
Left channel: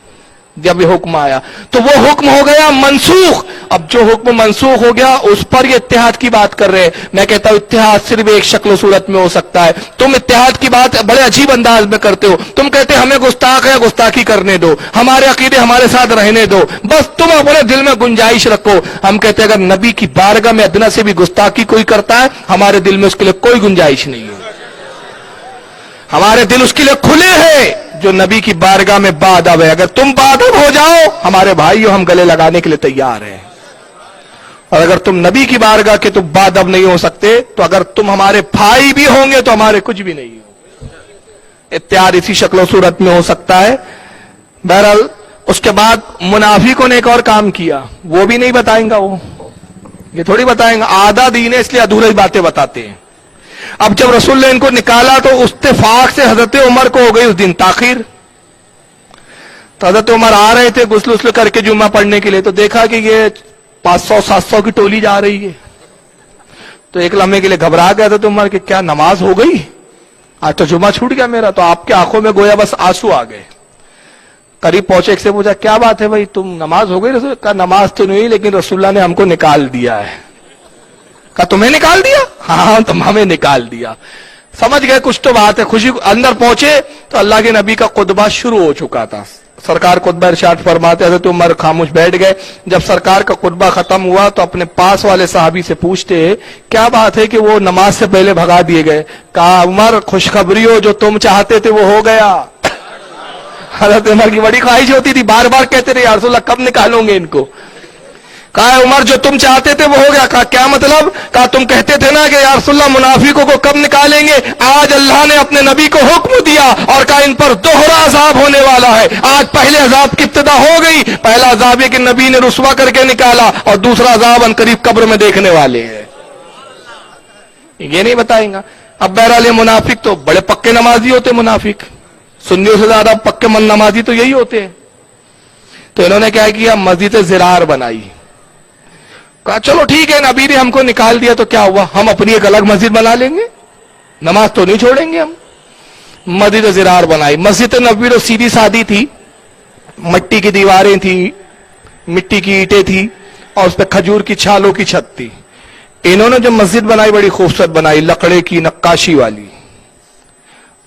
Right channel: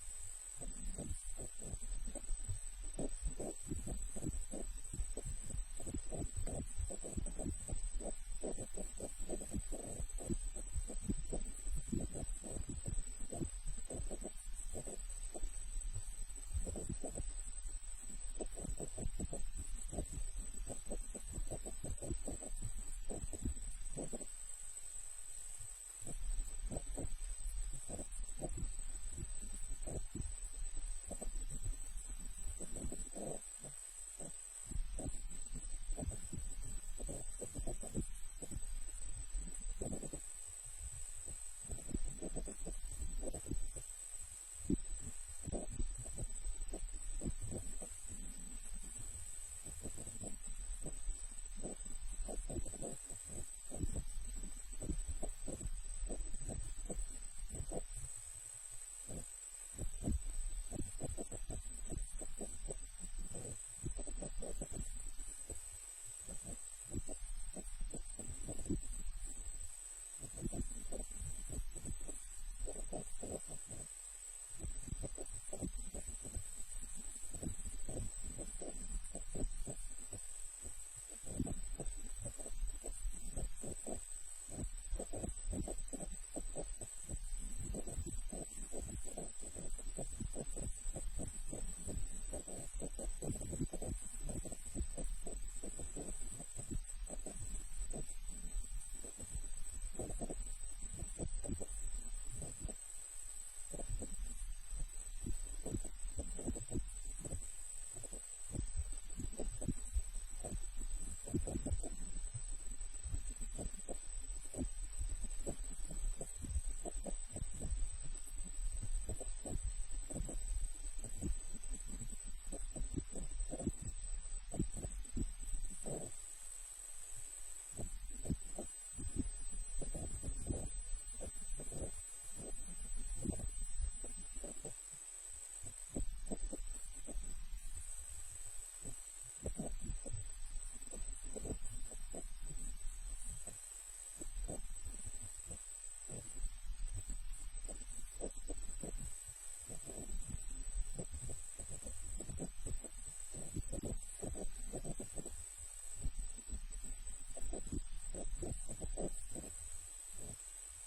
जब ये हुक्म आया तो वो हुक्म हो गया मंसूख। अब जो हुक्म मंसूख हो गया उस पर ये इत्तेहाद की बात कर रहे हैं। मैं कहता हूं इत्तेहाद सिर्फ एक शक्ल सूरत में हो सकता है। तुम इत्तेहाद की बात बड़े अजीब अंदाज में करते हो। तुम कहते हमें गुस्ताख है, गुस्ताखी करने दो, हमारे अकीदे हमारे साथ रहने दो, बस तुम अपने दिल में गुंजाइश रखो। हम कहते हैं अगर नबी की बारगाह में अदना से भी गुस्ताखी कोई करता है, हमारे दिल में उसके लिए कोई गुंजाइश नहीं है। हमारे दिल उसके लिए खुले हैं जो नबी की बारगाह में बादब है। अगर तुम बादब हो जाओ हमारे भाइयों, हम गले लगाने के लिए तैयार हैं। और अगर तुम नबी की बारगाह के तुम बादब नहीं हो सकते, तो अगर तुम हमारे भाई भी होंगे तो हमारे कुछ भी नहीं हो। इत्यादि इसी शक्ल सूरत में हो सकता है। बहरहाल उसके बाद मुनाफिकों ने एक और काम किया, वो भी नहीं बताएंगा, वो ये थोड़ी बताएंगा। आधा दीन है इसलिए अधूरी बातें बताते हैं। अब जब रसूल ने इनको निकाला तो इत्तेफाक से हजरत उमर को हो गई उस दिन ताखीर। तो हजरत उमर आ रहे थे गुस्ल उस्ल करके जुम्मा पढ़ने के लिए, तो देखा कि ये 500-700 की टोली जा रही है। तो एक लम्हे के लिए घबरा गया था तो उमर कि क्या नमाज हो गई, आज तो जुम्मा छूट गया मेरा। तो आपके आंखों में गोया बस आंसू आ गए। करीब पहुंचे, एक से पूछा क्या बात है भाई, तुम नमाज हो गई? रसूल का नमाज तो नहीं, लेकिन रसूलुल्लाह ने हमको निकाल दिया है। कहा तुम्हें निकाल दिया? हाँ तुम हमें निकाल दिया। समझ गए कुछ तो बात है। खुशी अंदर पहुंचे तो अल्लाह के नबी का खुतबा शुरू हो चुका था। सरकार खुतबा इरशाद फरमाते हजरत उमर खामोश बैठ गए। जब सरकार का खुतबा खत्म हुआ तो अपने पास वाले साहबी से पूछते क्या बात है कि वो नमाज से पहले भगा दिए गए। कहा उमर खुशखबरी हो, जो तुम चाहते थे वो हो गया। हजरत उमर की बड़ी ख्वाहिश होती थी, बार बार कहते रहे या रसूलल्लाह कब निकालोगे इनको। कहा उमर जो तुम चाहते थे वो हो गया। कहा क्या मतलब? कहा तुम कहते थे ना कि या रसूलल्लाह मुनाफिकों को कब निकालेंगे, आज अल्लाह ने अपने नबी को हुक्म दिया और कहा इन पर दोहरा अजाब होने वाला है। आज पहले अजाब की इब्तिदा हो गई। पहला अजाब है कि नबी ने रुस्वा करके निकाला और दूसरा अजाब अनकरीब कब्र में देखने वाले हैं। ये नहीं बताएंगा। अब बहरहाल मुनाफिक तो बड़े पक्के नमाजी होते, मुनाफिक सुन्नियों से ज्यादा पक्के मन नमाजी तो यही होते हैं। तो इन्होंने क्या किया, मस्जिद ज़िरार बनाई। कहा चलो ठीक है, नबी ने हमको निकाल दिया तो क्या हुआ, हम अपनी एक अलग मस्जिद बना लेंगे, नमाज तो नहीं छोड़ेंगे हम। मस्जिद ज़िरार बनाई। मस्जिद नबी तो सीधी सादी थी, मिट्टी की दीवारें थी, मिट्टी की ईंटें थी और उस पर खजूर की छालों की छत थी। इन्होंने जो मस्जिद बनाई बड़ी खूबसूरत बनाई, लकड़े की नक्काशी वाली।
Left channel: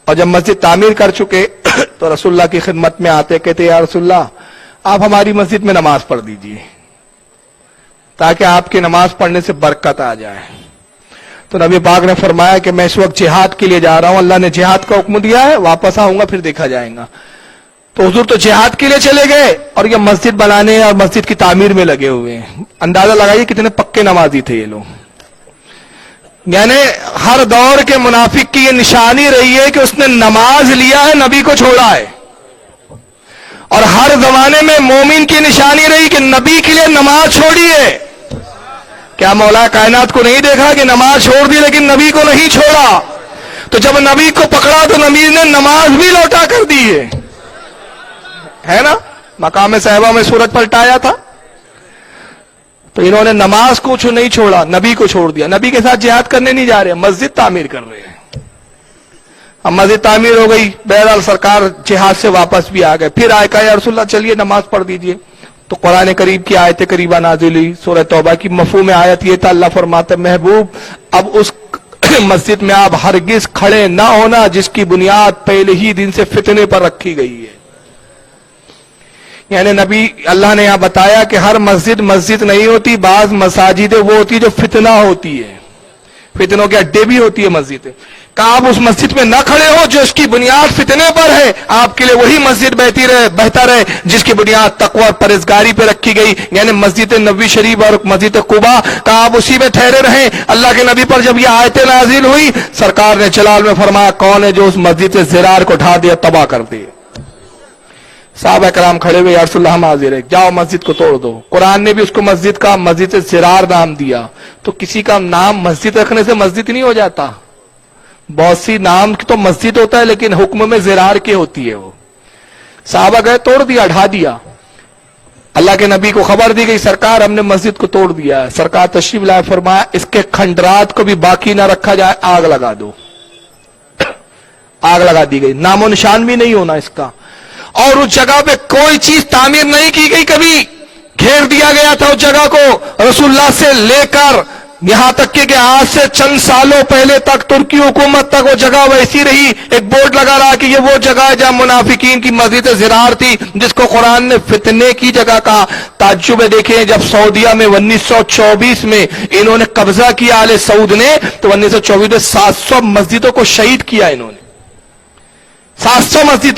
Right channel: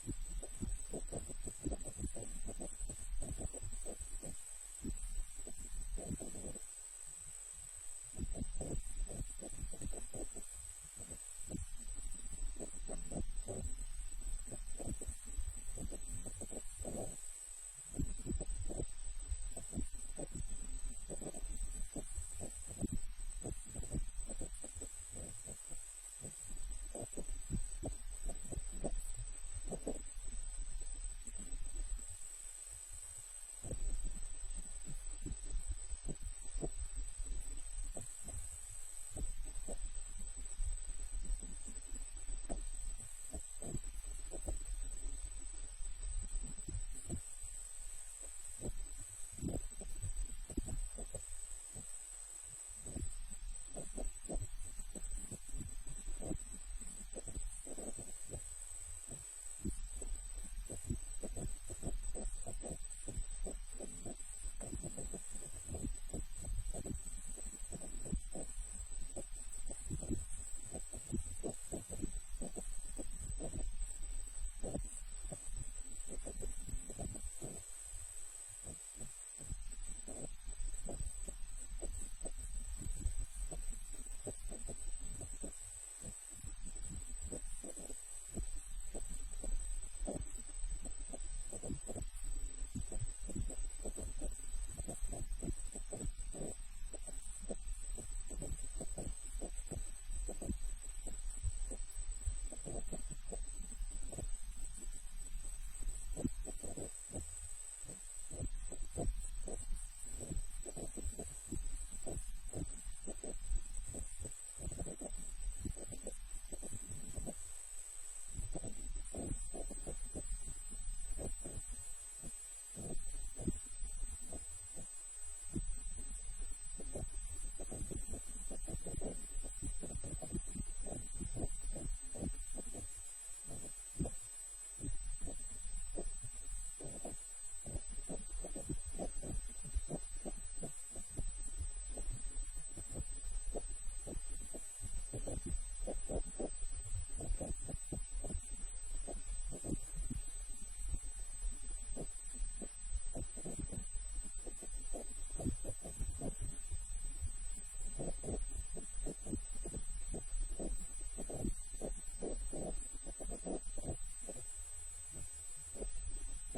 और जब मस्जिद तामीर कर चुके तो रसूलुल्लाह की खिदमत में आते, कहते या रसूलुल्लाह आप हमारी मस्जिद में नमाज पढ़ दीजिए ताकि आपकी नमाज पढ़ने से बरकत आ जाए। तो नबी पाक ने फरमाया कि मैं इस वक्त जिहाद के लिए जा रहा हूं, अल्लाह ने जिहाद का हुक्म दिया है, वापस आऊंगा फिर देखा जाएगा। तो हुजूर तो जिहाद के लिए चले गए और ये मस्जिद बनाने और मस्जिद की तामीर में लगे हुए हैं। अंदाजा लगाइए कितने पक्के नमाजी थे ये लोग। यानी हर दौर के मुनाफिक की ये निशानी रही है कि उसने नमाज लिया है, नबी को छोड़ा है। और हर जमाने में मोमिन की निशानी रही कि नबी के लिए नमाज छोड़ी है। क्या मौला कायनात को नहीं देखा कि नमाज छोड़ दी लेकिन नबी को नहीं छोड़ा? तो जब नबी को पकड़ा तो नबी ने नमाज भी लौटा कर दी है ना। मकाम साहिबा में सूरज पलटाया था तो इन्होंने नमाज को नहीं छोड़ा, नबी को छोड़ दिया। नबी के साथ जिहाद करने नहीं जा रहे, मस्जिद तामीर कर रहे हैं। अब मस्जिद तामीर हो गई, बहरहाल सरकार जिहाद से वापस भी आ गए। फिर आए कहा या रसूलल्लाह चलिए नमाज पढ़ दीजिए। तो कुरान करीब की आयत करीबा नाजिल हुई, सूरह तौबा की मफहूम आयत ये था, अल्लाह फरमाते महबूब अब उस मस्जिद में आप हरगिज खड़े ना होना जिसकी बुनियाद पहले ही दिन से फितने पर रखी गई है। यानी नबी अल्लाह ने यहां बताया कि हर मस्जिद मस्जिद नहीं होती, बाज मसाजिदें वो होती जो फितना होती है, फितनों के अड्डे भी होती है मस्जिद। कहा आप उस मस्जिद में न खड़े हो जो इसकी बुनियाद फितने पर है, आपके लिए वही मस्जिद बेहतर है जिसकी बुनियाद तकवा और परहेजगारी पे रखी गई, यानी मस्जिद नबी शरीफ और मस्जिद कुबा। कहा आप उसी में ठहरे रहें। अल्लाह के नबी पर जब ये आयतें नाजिल हुई, सरकार ने जलाल में फरमाया कौन है जो उस मस्जिद ज़िरार को ढा दिया, तबाह कर दिया। साहबा कराम खड़े हुए, या रसूलल्लाह हम हाजिर है, जाओ मस्जिद को तोड़ दो। कुरान ने भी उसको मस्जिद का मस्जिद ज़िरार नाम दिया। तो किसी का नाम मस्जिद रखने से मस्जिद नहीं हो जाता। बहुत सी नाम की तो मस्जिद होता है लेकिन हुक्म में ज़िरार की होती है। वो साहबा गए, तोड़ दिया, ढा दिया। अल्लाह के नबी को खबर दी गई सरकार हमने मस्जिद को तोड़ दिया है। सरकार तशरीफ लाए, फरमाया इसके खंडरात को भी बाकी ना रखा जाए, आग लगा दो। आग लगा दी गई, नामो निशान भी नहीं होना इसका। और उस जगह पे कोई चीज तामीर नहीं की गई, कभी घेर दिया गया था उस जगह को। रसूलुल्लाह से लेकर यहां तक कि आज से चंद सालों पहले तक तुर्की हुकूमत तक वो जगह वैसी रही। एक बोर्ड लगा रहा कि ये वो जगह है जहां मुनाफिकीन की मस्जिद ज़िरार थी, जिसको कुरान ने फितने की जगह कहा। ताज्जुब है, देखें जब सऊदिया में 1924 में इन्होंने कब्जा किया आले सऊद ने, तो 1924 में 700 मस्जिदों को शहीद किया इन्होंने। 700 मस्जिद